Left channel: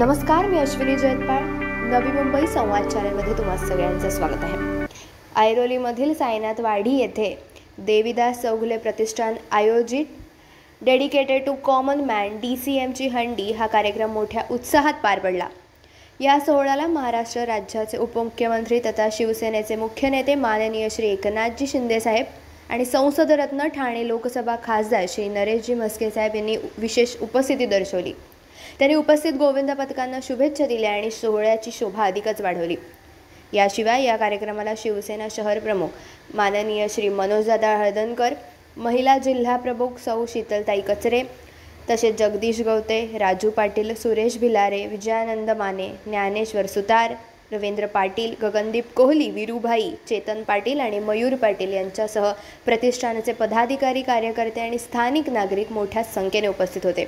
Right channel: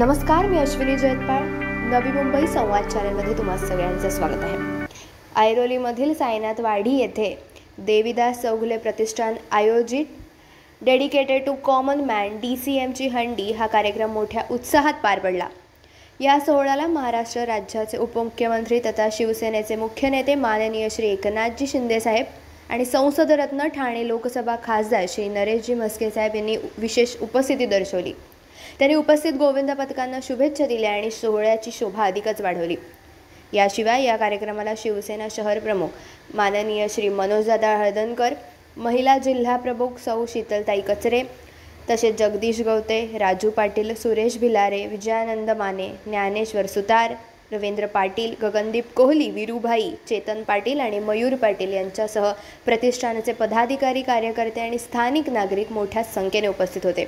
नमस्कार, मी अश्विनी जयतपाळ. नवी मुंबई संवाद चॅनलमध्ये तुम्हा सगळ्यांचं स्वागत आहे. ऐरोलीमधील साईनाथवाडी येथे देवीदास चौगुले प्रतिष्ठान आयोजित डेडिकेटेड टू कॉमन मॅन DCMची हंडी हा कार्यक्रम मोठ्या उत्साहात पार पडला. या सोहळ्याला महाराष्ट्र राज्याचे उपमुख्यमंत्री तथा शिवसेनेचे मुख्य नेते माननीय श्री एकनाथजी शिंदेसाहेब आणि संसदरत्न ठाणे लोकसभा खासदार श्री नरेशजी म्हस्के साहेब यांनी विशेष उपस्थिती दर्शवली. त्यांनी उपस्थित गोविंद पथकांना शुभेच्छा दिल्या आणि सोहळ्याची शोभा अधिकच वाढवली. याशिवाय या कार्यक्रमाला शिवसेना शहर प्रमुख माननीय श्री मनोजदादा हळदणकर, महिला जिल्हा प्रमुख सौ शीतलताई कचरे, तसेच जगदीश गवते, राजू पाटील, सुरेश भिलारे, विजयानंद माने, ज्ञानेश्वर सुतार, रवींद्र पाटील, गगनदीप कोहली, वीरूभाई, चेतन पाटील आणि मयूर पाटील यांच्यासह प्रतिष्ठानाचे पदाधिकारी, कार्यकर्ते आणि स्थानिक नागरिक मोठ्या संख्येने उपस्थित होते.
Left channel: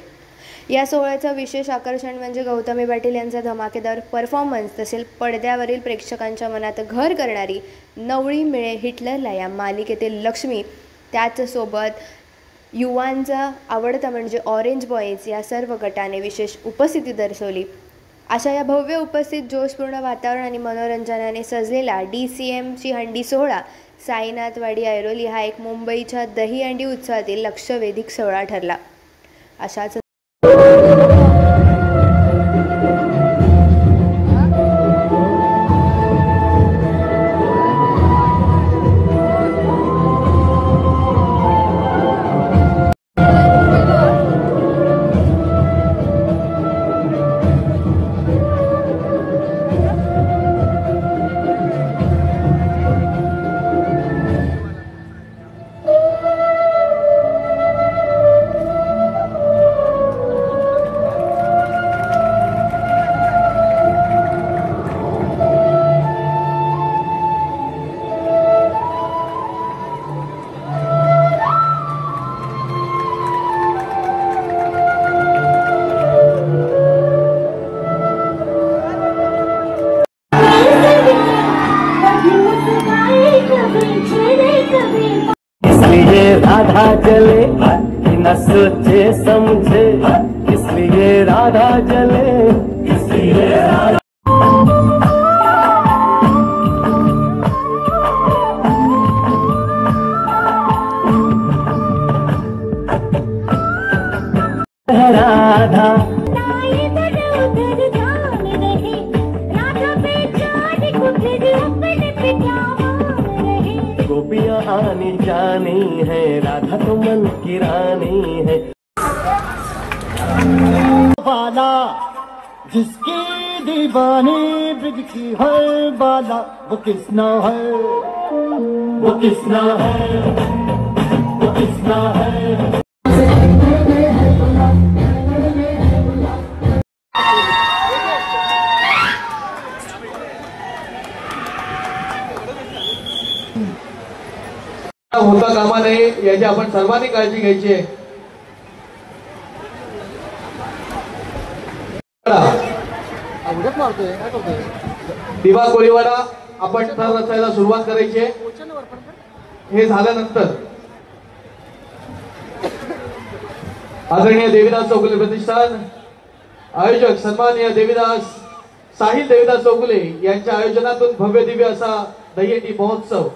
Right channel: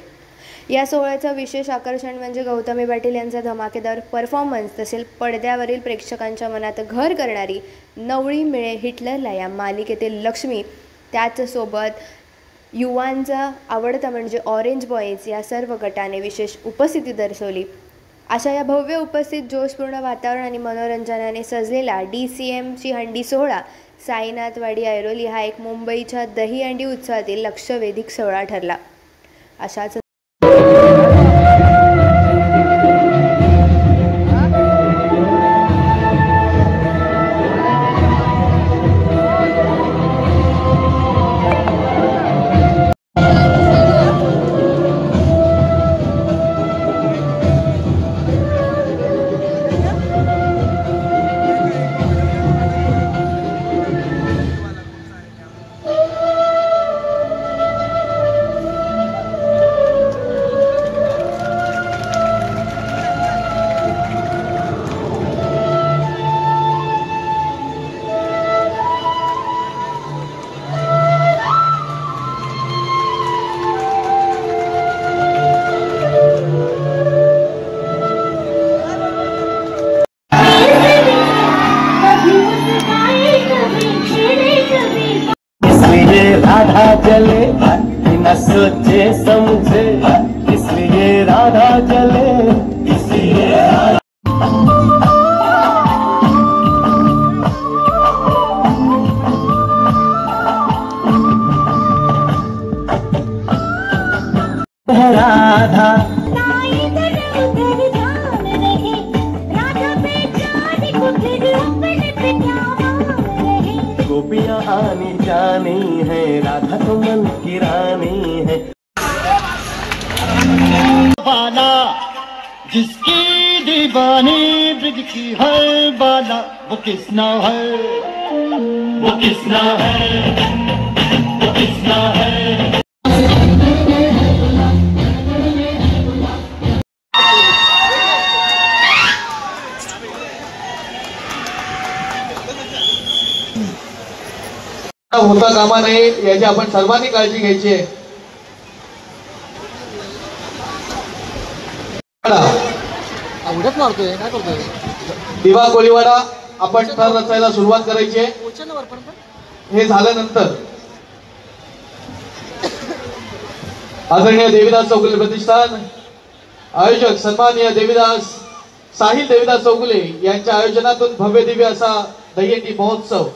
या सोहळ्याचं विशेष आकर्षण म्हणजे गौतमी पाटील यांचा धमाकेदार परफॉर्मन्स, तसेच पडद्यावरील प्रेक्षकांच्या मनात घर करणारी नवळी मिळे हिटलरला या मालिकेतील लक्ष्मी, त्याचसोबत युवांचा आवडता म्हणजे ऑरेंज बॉईज या सर्व गटाने विशेष उपस्थिती दर्शवली. अशा या भव्य उपस्थित जोशपूर्ण वातावरण आणि मनोरंजनाने सजलेला DCMची हंडी सोहळा साईनाथवाडी ऐरोली हा एक मुंबईच्या दहीहंडी उत्सवातील लक्षवेधिक सोहळा ठरला. अशाच राधा जले न सोचे समझे, इसलिए राधा जले, इसलिए राधा गोपियाँ आनी जानी है, राधा तो मन की रानी है. बाला जिसकी दीवानी ब्रिज की है बाला, वो किसना है, वो किसना है, वो किसना है. होता कामा नये याची आपण सर्वांनी काळजी घ्यायची आहे. दिवा कोळीवाडा आपण तर रचायला सुरुवात करायची आहे. हे झाल्यानंतर आदरणीय देवीदास चौगुले प्रतिष्ठान आयोजक सन्माननीय देवीदास साहिल देवीदास चौगुले यांच्या आयोजनातून भव्य दिव्य असा दहीहंडी महोत्सव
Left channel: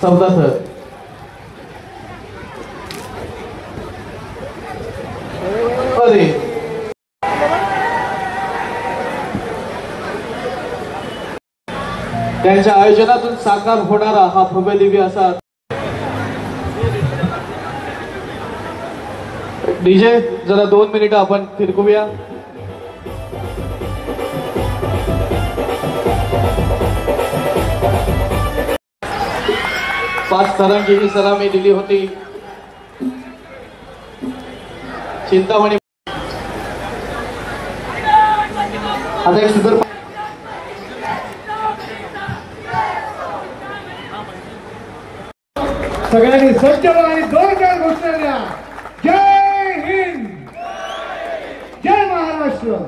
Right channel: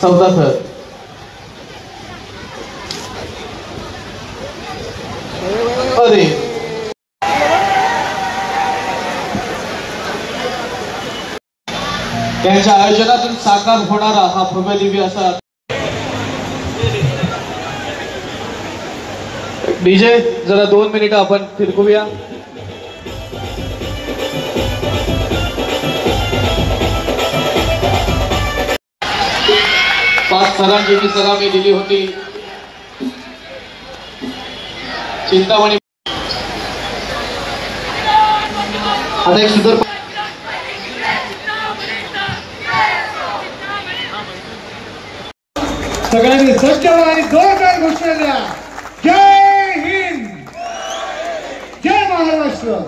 14 अरे त्यांच्या आयोजनातून साकार होणारा हा भव्य दिव्य असा डीजे जरा 2 मिनिटं आपण फिरकूया. पाच सरांची मी सलामी दिली होती. चिंतामणी आता एक सुंदर सगळ्यांनी सज्ज आणि जोरदार घोषणा द्या. जय हिंद, जय महाराष्ट्र.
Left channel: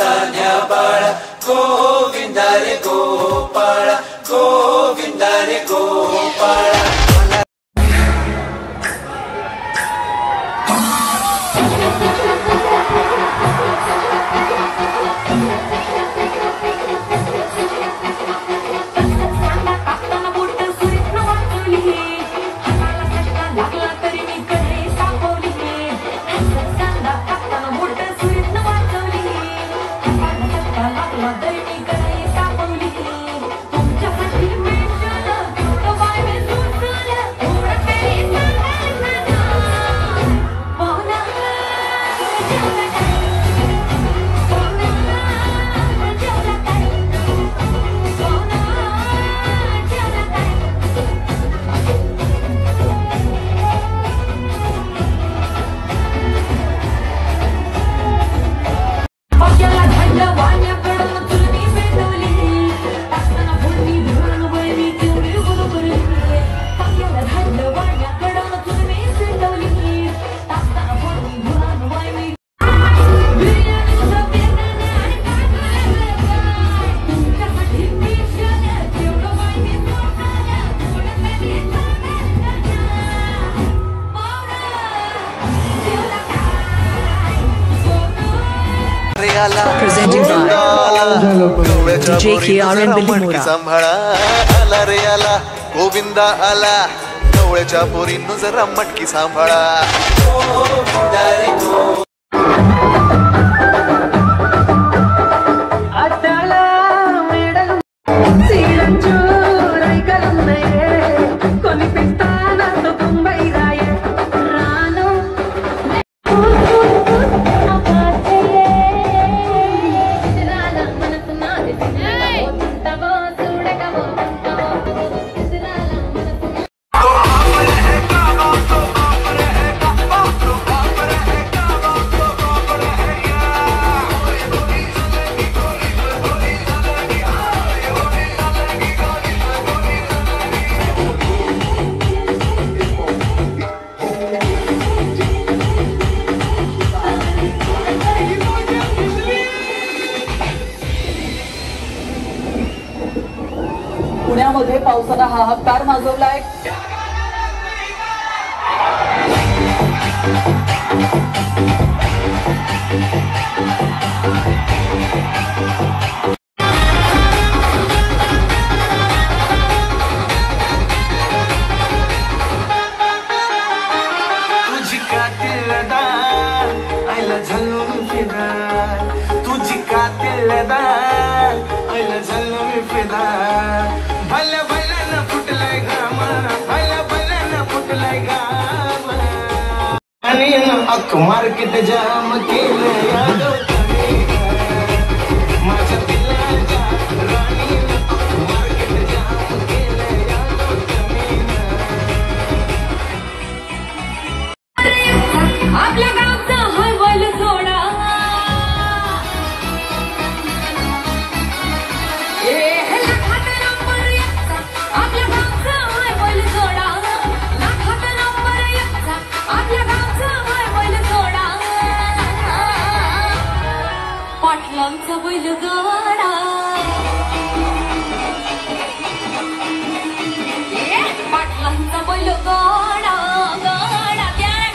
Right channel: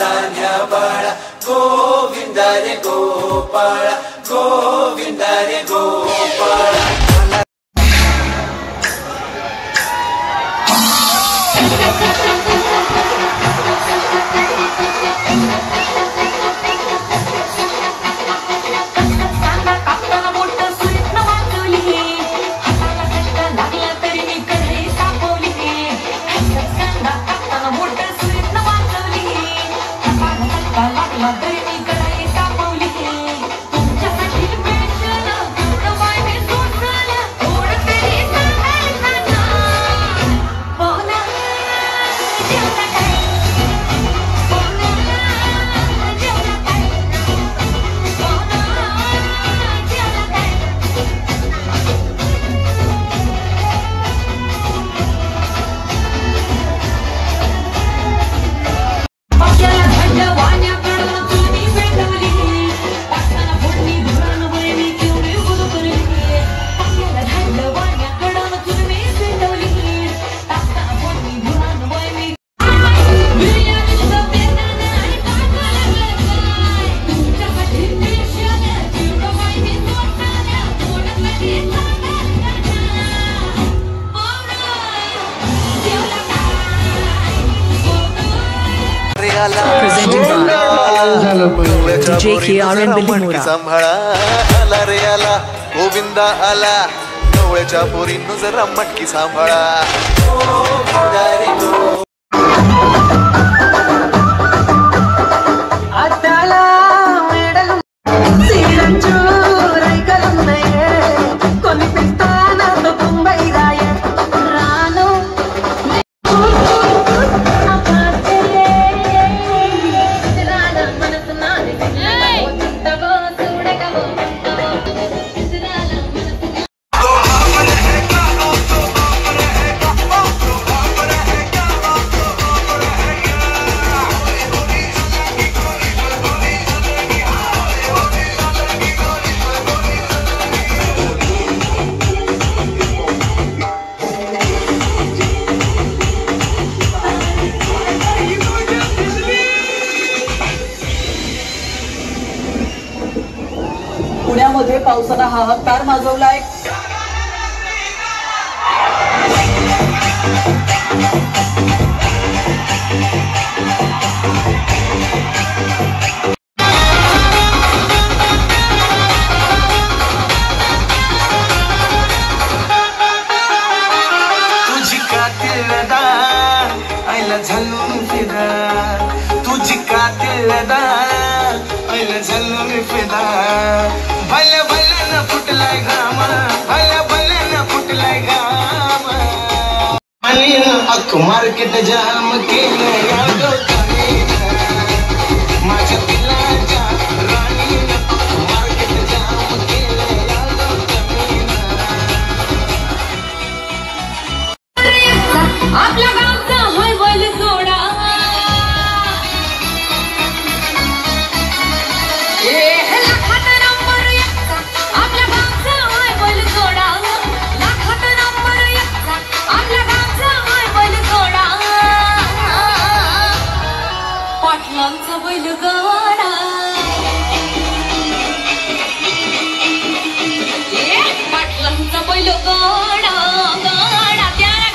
तान्या बाळा गोविंदा रे गोपाळा गोविंदा रे Gopala. Presenting by DJ KRN Billimora. सांभाळा आला रे आला गोविंदा आला डोळ्याच्या पोरींनो जरा मटकी सांभाळा. पुण्यामध्ये पावसाला हाहाकार माजवलाय. तुझी कातिलदार आईला झलून फिरा तुझी कातिलदार आईला झलून फिरा. भले भले न फुटलाय घामा भले भले न फुटलाय घामा आणि अख्ख मार्केट जाम केलं माझ्या पिल्लाच्या राणीनं मार्केट जाम केलं. आपल्या गावचा हळवल सोडा पाटलांचा बैलगाडा पाटलांचा बैलगाडा गाडा त्याला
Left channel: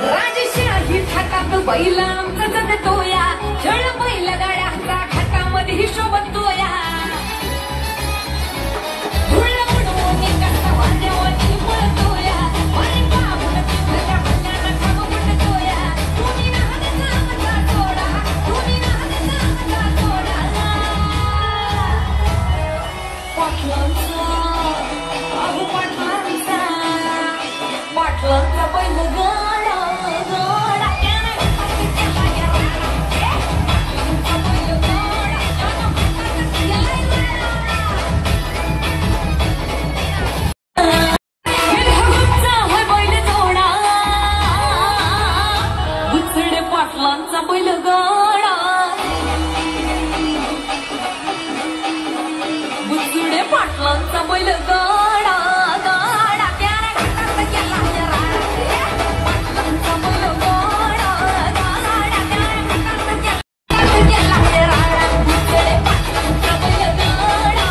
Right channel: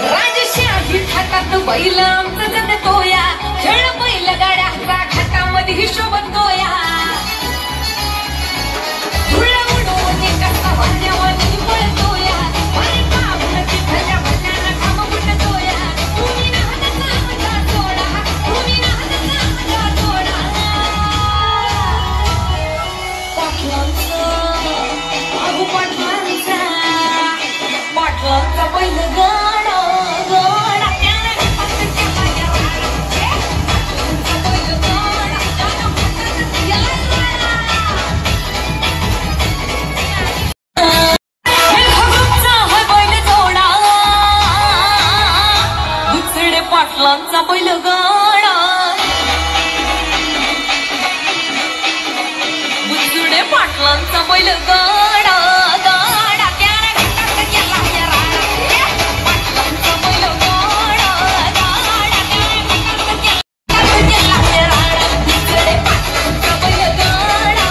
राजशाही थाटात बैल आमचा जगतोया खेळ बैल गाड्याचा घाटामध्ये हिशोब तोया धुळ उडवून कसा वाजवानी पळतोया अरे बाबूची भल्या भल्याला काम पडतोया तुम्ही ना हाताचा मजा सोडा तुम्ही ना हाताचा मजा सोडा. पाटलांचा अगो पाटलांचा पाटलांचा बैल गाडा गाडा पाटलांचा बैलगाडा बुचुडे पाटलांचा बैलगाडा गाडा त्याला गेला गेला पाटलांचा बैलगाडा गाडा गेला बुचुडे पाटलांचा बैलगाडा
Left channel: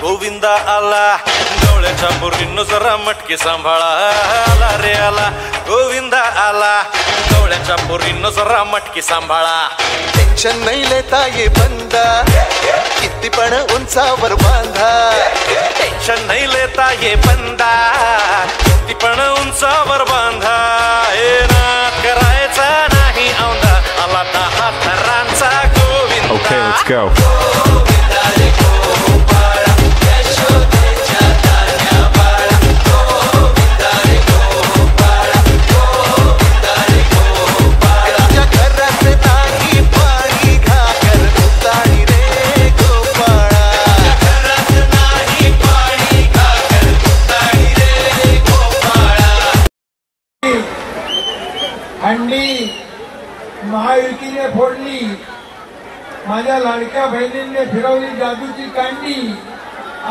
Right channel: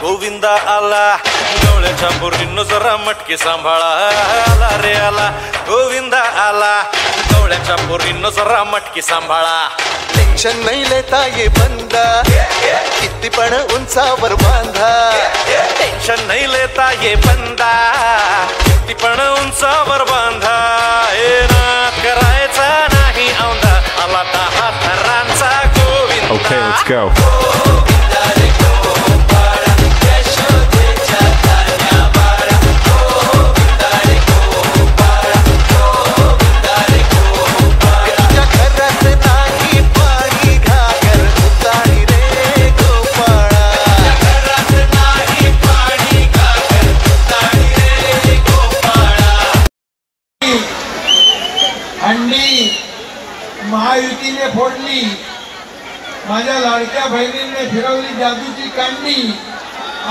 गोविंदा आला गवळ्याच्या पोरींनो जरा मटकी सांभाळा आला रे आला गोविंदा आला गवळ्याच्या पोरींनो जरा मटकी सांभाळा टेन्शन नाही लेता ये बंदा किती पण उंचावर बांधा टेन्शन नाही लेता ये बंदा किती पण उंचावर बांधा हे नाद करायचा नाही औंधा आला 10 थरांचा गोविंदा. Okay, let's go. महायुतीने फोडली माझ्या लाडक्या बहिणींनी फिरवली जादूची कांडी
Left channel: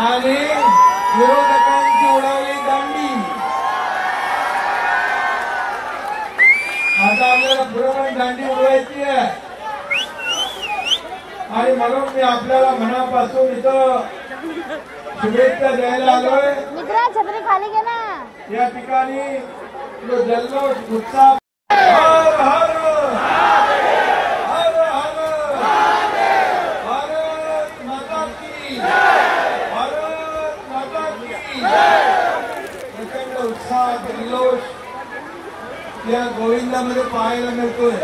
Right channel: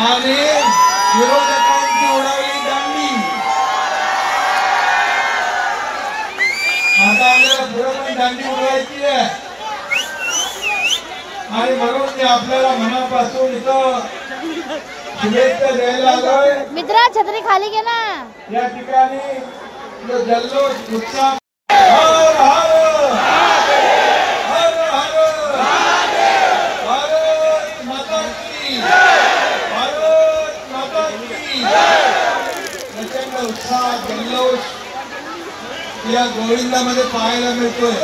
आणि विरोधकांची उडवली दांडी. आता आपल्याला फिरवली दांडी उडवायची आहे आणि म्हणून मी आपल्याला मनापासून इथं शुभेच्छा द्यायला आलोय. मित्रा छत्री खाली घे ना. या ठिकाणी जल्लोष उत्साह या गोविंदामध्ये पाहायला मिळतोय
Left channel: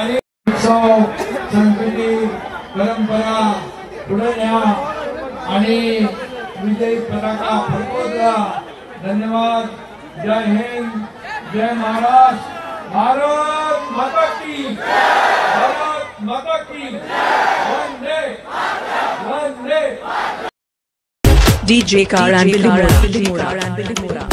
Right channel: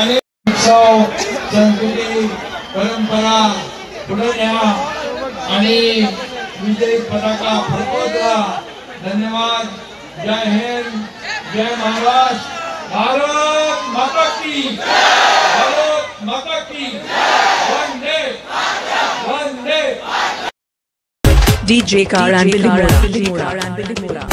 आणि उत्सव संस्कृती परंपरा पुढे न्या आणि विजयी पताका फडकवता. धन्यवाद. जय हिंद, जय महाराष्ट्र. भारत माता की, भारत माता की. Vande Vande. DJ Karan Bilimura.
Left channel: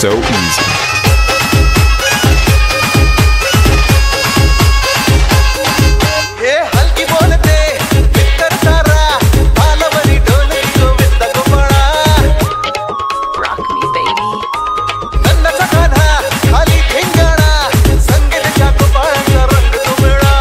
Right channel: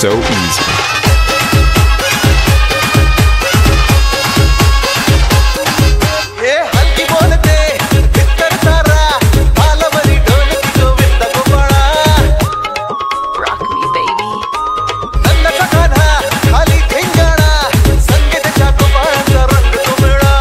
So easy. ये हल्की बोलते बित्तर तारा बालवरी ढोलकी Govinda Gopala. Rock me baby. नंदाचा Kanha खाली ठेंगाणा संगीताच्या गोपाळांचा रंग तो वेळा.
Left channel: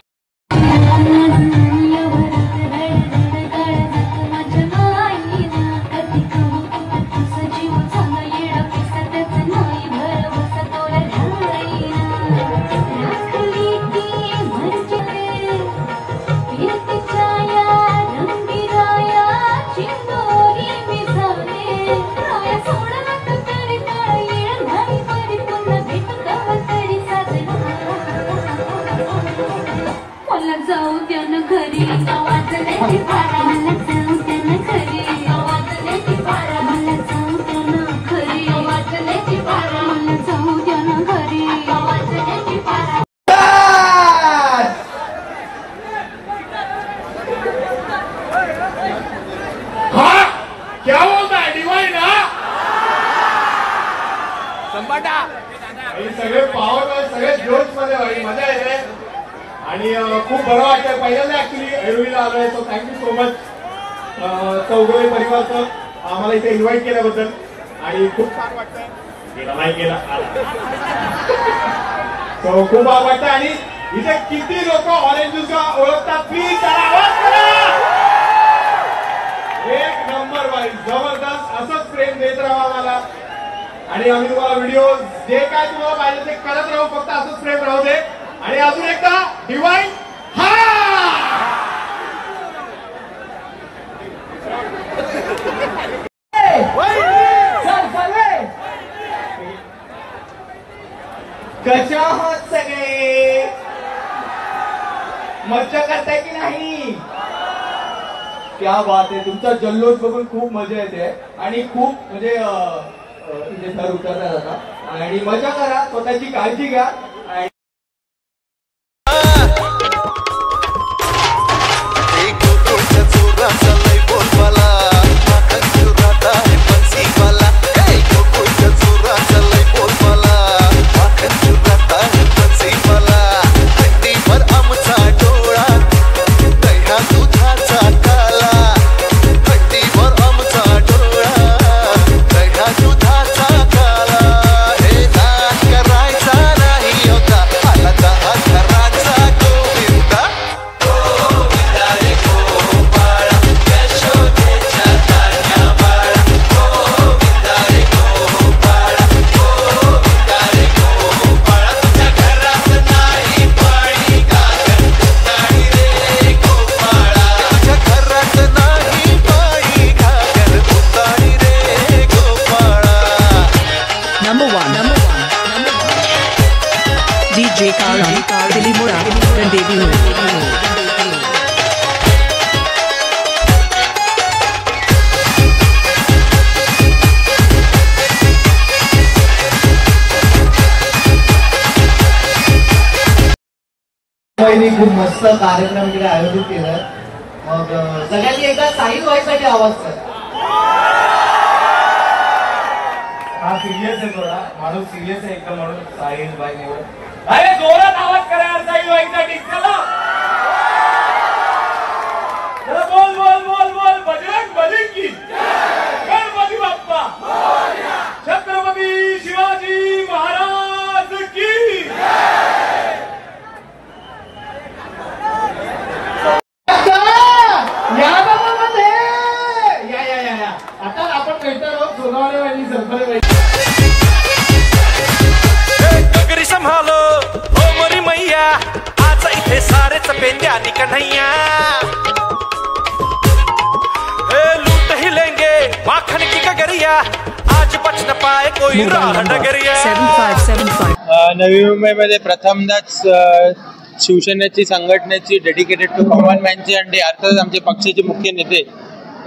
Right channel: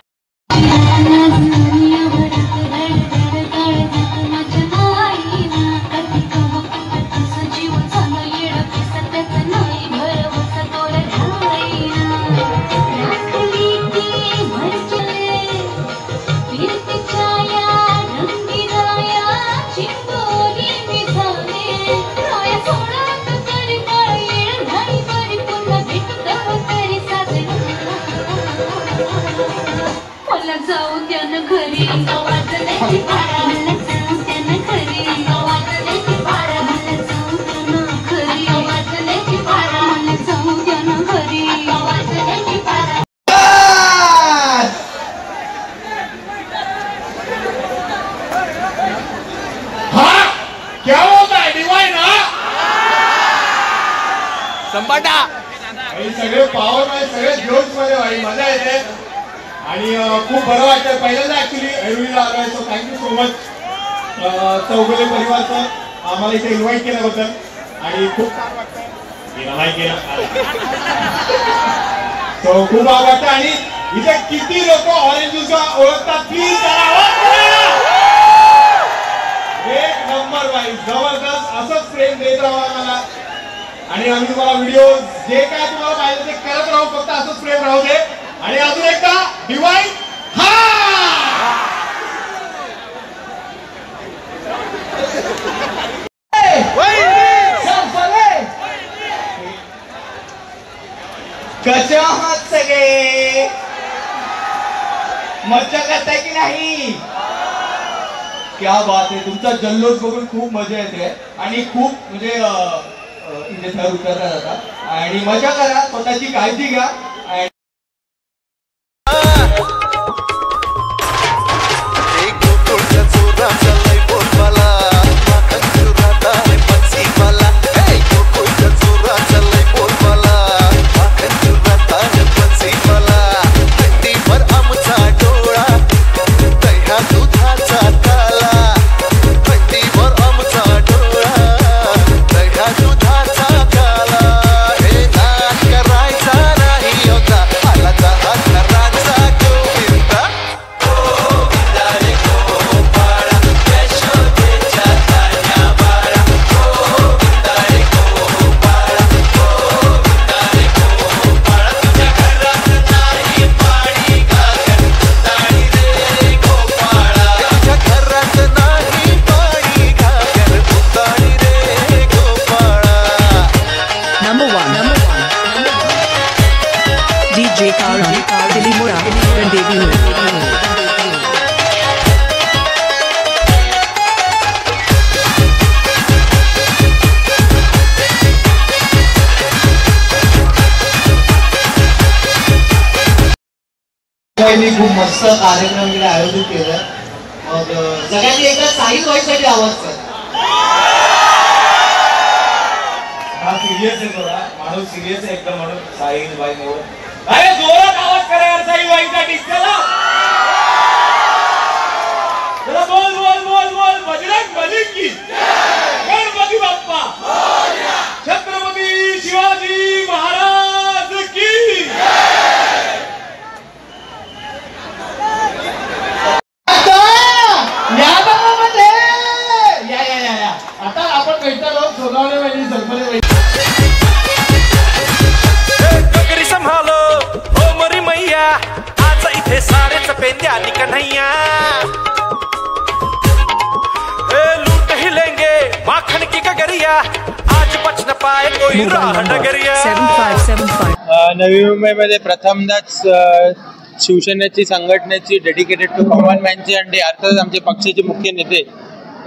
क्या होता है डिवाइन सगळे पावर मध्ये सगळे जोश मध्ये वाढी मजा येते आणि खूप बरं वाटतं. पहिल्यांदा ऍक्च्युली ऐरोलीला आलोय. So thank you so much Chougule परिवारचं आम्हाला इथे इन्व्हाइट केल्याबद्दल आणि खूप छान वाटतं. केला नाही केला तो खूप आवडतं. आणि इथे किती लोक ऑरेंज ज्यूस ओळखतात प्लीज त्याला आवाज करा. एक नंबर बाई जबरदस्त. असंच प्रेम देत राहा मला. आणि आम्ही तुम्हाला व्हिडिओ जे काय तुम्हाला पाहिजे ते करत राहू. फक्त असंच प्रेम राहू दे. आणि अजून एकदा डिवाइन कसे आहात सगळे? मज्जा करताय की नाही? क्या बात आहे. तुमचा जल्लोष बघून खूप मजा येते आणि खूप म्हणजे इथे थर उतरला जाता. आणि मजा करा, स्वतःची काळजी घ्या. DJ Karan Dilimura Randevi खूप मस्त कार्यक्रम इकडे आयोजित केला. मग सगळ्यांनी एकदा साहिल व्हायसाठी आवाज करा. हा सिरियस आहे थोडा माणूस सिरियस आहे एकदम म्हणून साहिल बाई एवढं. अरे जोरात आवाज करा यार साहिल बाईसाठी. चला चला बोल बोल बोल बोल. बजरंग बली की गणपती बाप्पा छत्रपती शिवाजी महाराज की. आता आपण भेटतो सोनावणे सरपंच. गगरी संभालो ओ मरी मैया आज इथे सारेच पेंद्या निकन्हैया. लूट ही लेंगे माखन की गगरिया आज बच न पाए कोई राह डगरिया. 7575 नवी मुंबईमध्ये प्रथमदाच शिवसेनेची संघटनेची डेडिकेटेड टू कॉमन मॅनची आणि अर्थातच आमचे पक्षाचे मुख्य नेते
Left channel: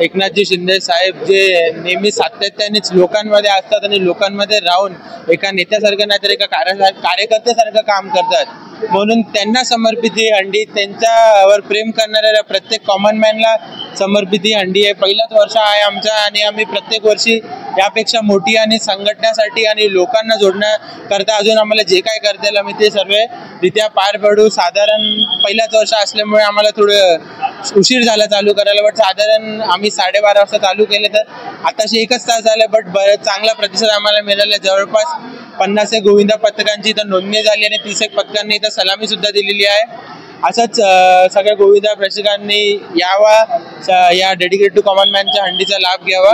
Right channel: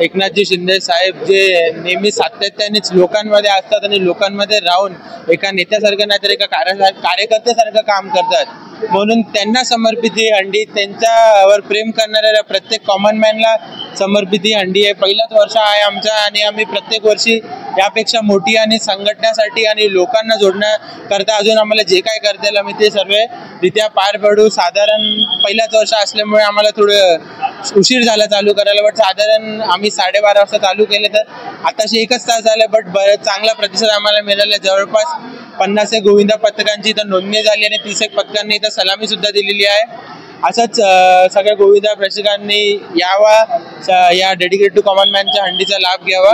एकनाथजी शिंदे साहेब जे नेहमी सातत्यानेच लोकांमध्ये असतात आणि लोकांमध्ये राहून एका नेत्यासारखं नाही तर एका कार्यकर्त्यासारखं काम करतात. म्हणून त्यांना समर्पित ही हंडी, त्यांच्यावर प्रेम करणाऱ्या प्रत्येक कॉमन मॅनला समर्पित ही हंडी आहे. पहिलाच वर्ष आहे आमचा आणि आम्ही प्रत्येक वर्षी यापेक्षा मोठी आणि संघटनासाठी आणि लोकांना जोडण्याकरता अजून आम्हाला जे काय करता येईल आम्ही ते सर्वरित्या पार पडू. साधारण पहिलाच वर्ष असल्यामुळे आम्हाला थोडं उशीर झाला चालू करायला. बट साधारण आम्ही 12:30 वाजता चालू केले तर आताशी 1 तास झाले. बट चांगला प्रतिसाद आम्हाला मिळाला. जवळपास 50 गोविंदा पथकांची इथं नोंदणी झाली आणि 30 पथकांनी इथं सलामी सुद्धा दिलेली आहे. असंच सगळ्या गोविंदा प्रेक्षकांनी यावा, या डेडिकेटेड टू कॉमन मॅनच्या हंडीचा लाभ घ्यावा.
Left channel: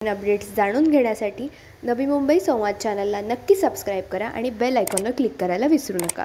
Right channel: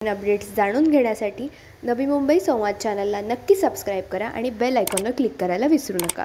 अपडेट्स जाणून घेण्यासाठी नवी मुंबई संवाद चॅनलला नक्की सबस्क्राईब करा आणि बेल आयकॉनवर क्लिक करायला विसरू नका.